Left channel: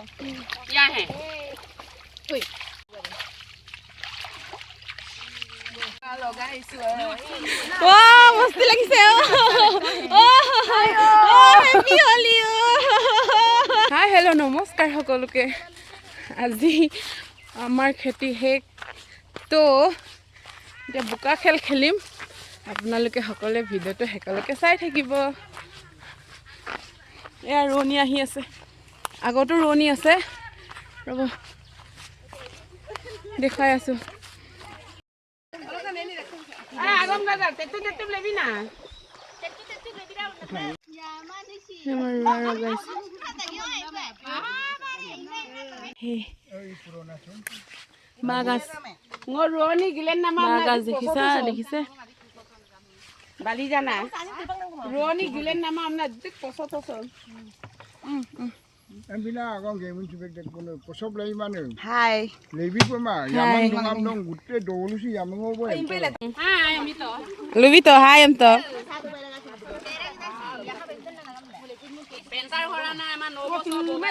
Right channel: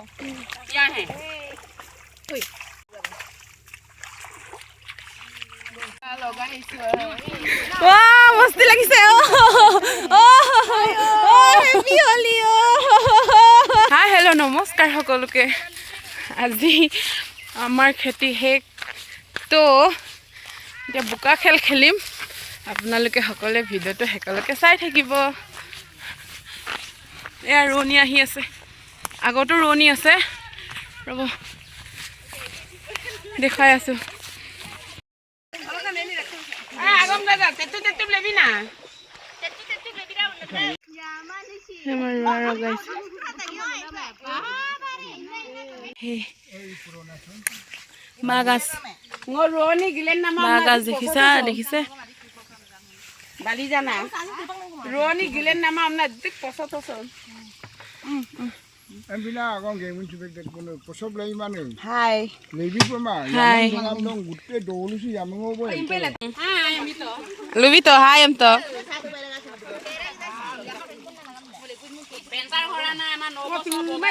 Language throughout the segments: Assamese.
यहाँ है মস্তি লাগিছে হাই হেল্ল' নমস্কাৰ সকলোকে আজি আমাৰ খেতি শেষ তো এতিয়া বোকা খেল খেলিম আপোনালোকে সকলোৱে ভিডিঅ'টো শেষলৈকে চাই থাকিব এয়া ৰোৱনী আহি আছে আগতো ৰোৱনী আছে ৰ'ব দেখাই আছোঁ বাগাছ বাগাছ দেখিছা দেখিছে বালি জানা ৰোৱনী গিলেন নামা আমরা দিক পছত পছন Ambina agong gemun subek det kono posop lai mane. Hai. Lebi pema yamang dongam dong gutte dolu si yamang obo. Hai ami to. লুবি তো হাই এম তো Bentar hora na eman no boso boba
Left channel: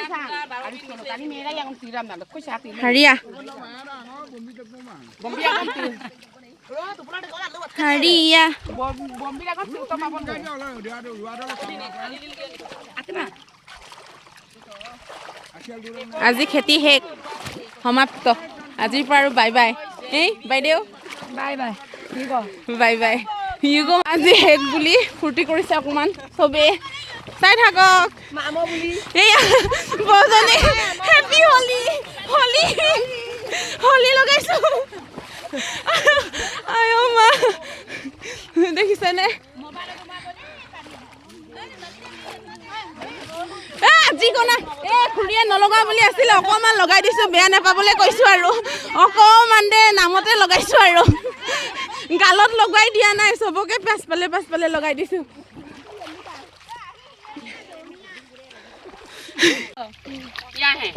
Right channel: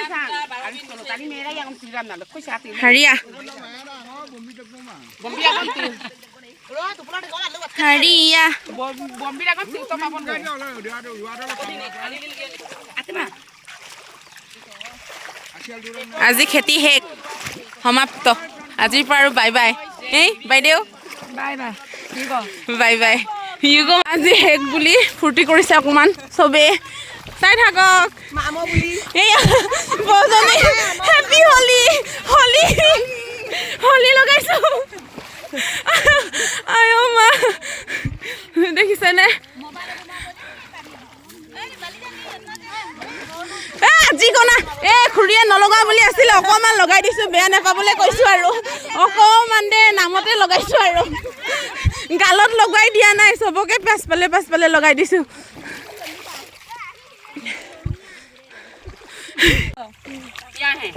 baro bin tani mera yang siram na ko sati. Jharia Bombi akan til. Jharia Bombi akan til to mapon. Atma. আজি খেতি শেষ সমাপ্ত আজিৰ পৰা আৰু বাই বাই এই বাইদেউ Bye bye. Bye bye you go আজি শেষ বুলি ফূৰ্তি কৰিছে অকণমান চবেই চাই থাকক এইয়া বৌজনী হেপী হলি হলি হলি লগাইছোঁ আই অ' মা দেখিছেনে যিকোনা খুৰীয়ে নলগাওঁ বুলি আছিলে অকণমান লগাই দিছোঁ বেয়া নাপাবলৈ কৈছোঁ আৰু অকণমান দে নামতে লগাইছোঁ আৰু গালত লগাই দিয়া নাই চবকে পাছফালে লগাই দিছোঁ यहाँ है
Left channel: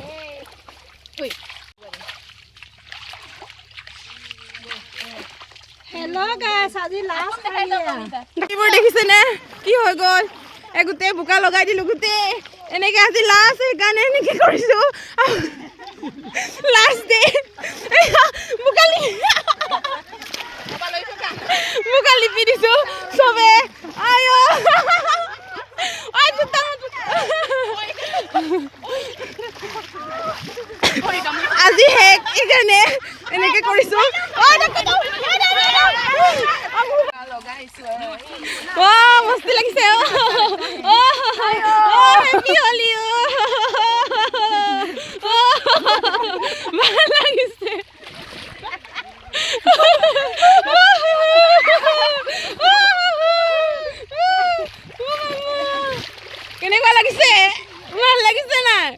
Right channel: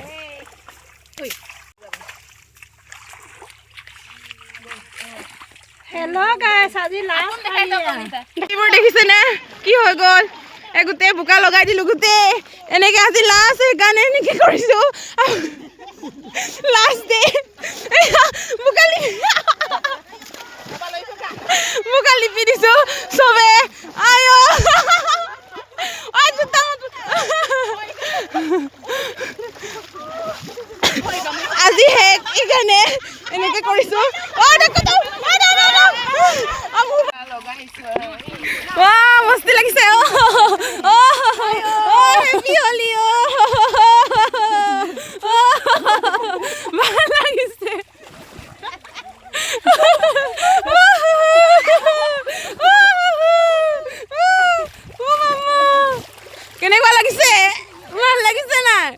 Hello guys, আজি লাষ্ট এইবোৰ দেখিছেনে কি হৈ গ'ল গোটেই বোকা লগাই দিলোঁ গোটেই এনেকৈ আজি লাষ্ট সেইকাৰণে এনেকৈ কৰিছোঁ লাষ্ট ডে বোকা লিপি দিছোঁ চবে আই আজি শেষ সেইকাৰণে এনেকৈ কৰিছোঁ মস্তি লাগিছে হেপী হলি ভাল লাগিছে কেনেকুৱা লাগিছে ভাল লাগিছে নাই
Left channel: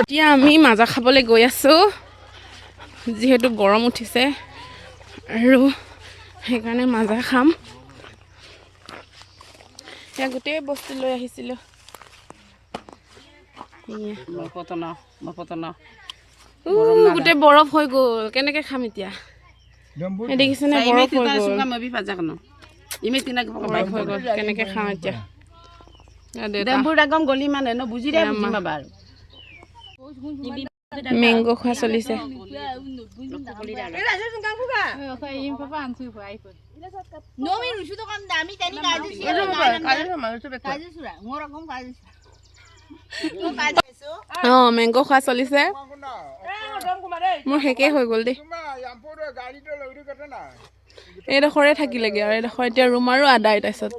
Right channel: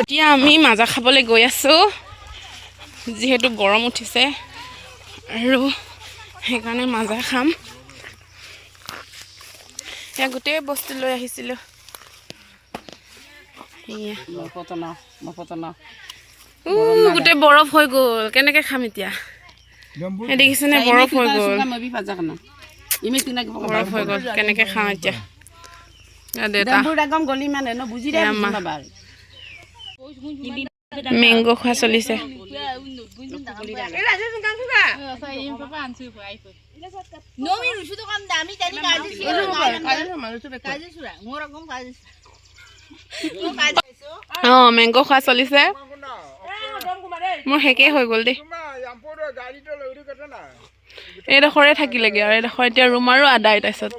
এতিয়া আমি মাজা খাবলৈ গৈ আছোঁ যিহেতু গৰম উঠিছে আৰু সেইকাৰণে মাজা খাম এতিয়া গোটেই বস্তু লৈ আহিছিলোঁ গোটেই বৰফ হৈ গ'ল কেনেকৈ খাম এতিয়া এই দেখিছেনে বৰফ হৈ গ'ল বৰফ হৈ গ'ল কেনেকৈ খাওঁ এতিয়া মেংগো খোৱা চলিছে অঁ মেংগো খোৱা চলিছে মোৰ শেষেই হৈ গ'ল দেই এইডোখৰে থাকিলেগৈ আৰু এইডোখৰ এতিয়া ৰুম আৰু আদায় তাৰপিছত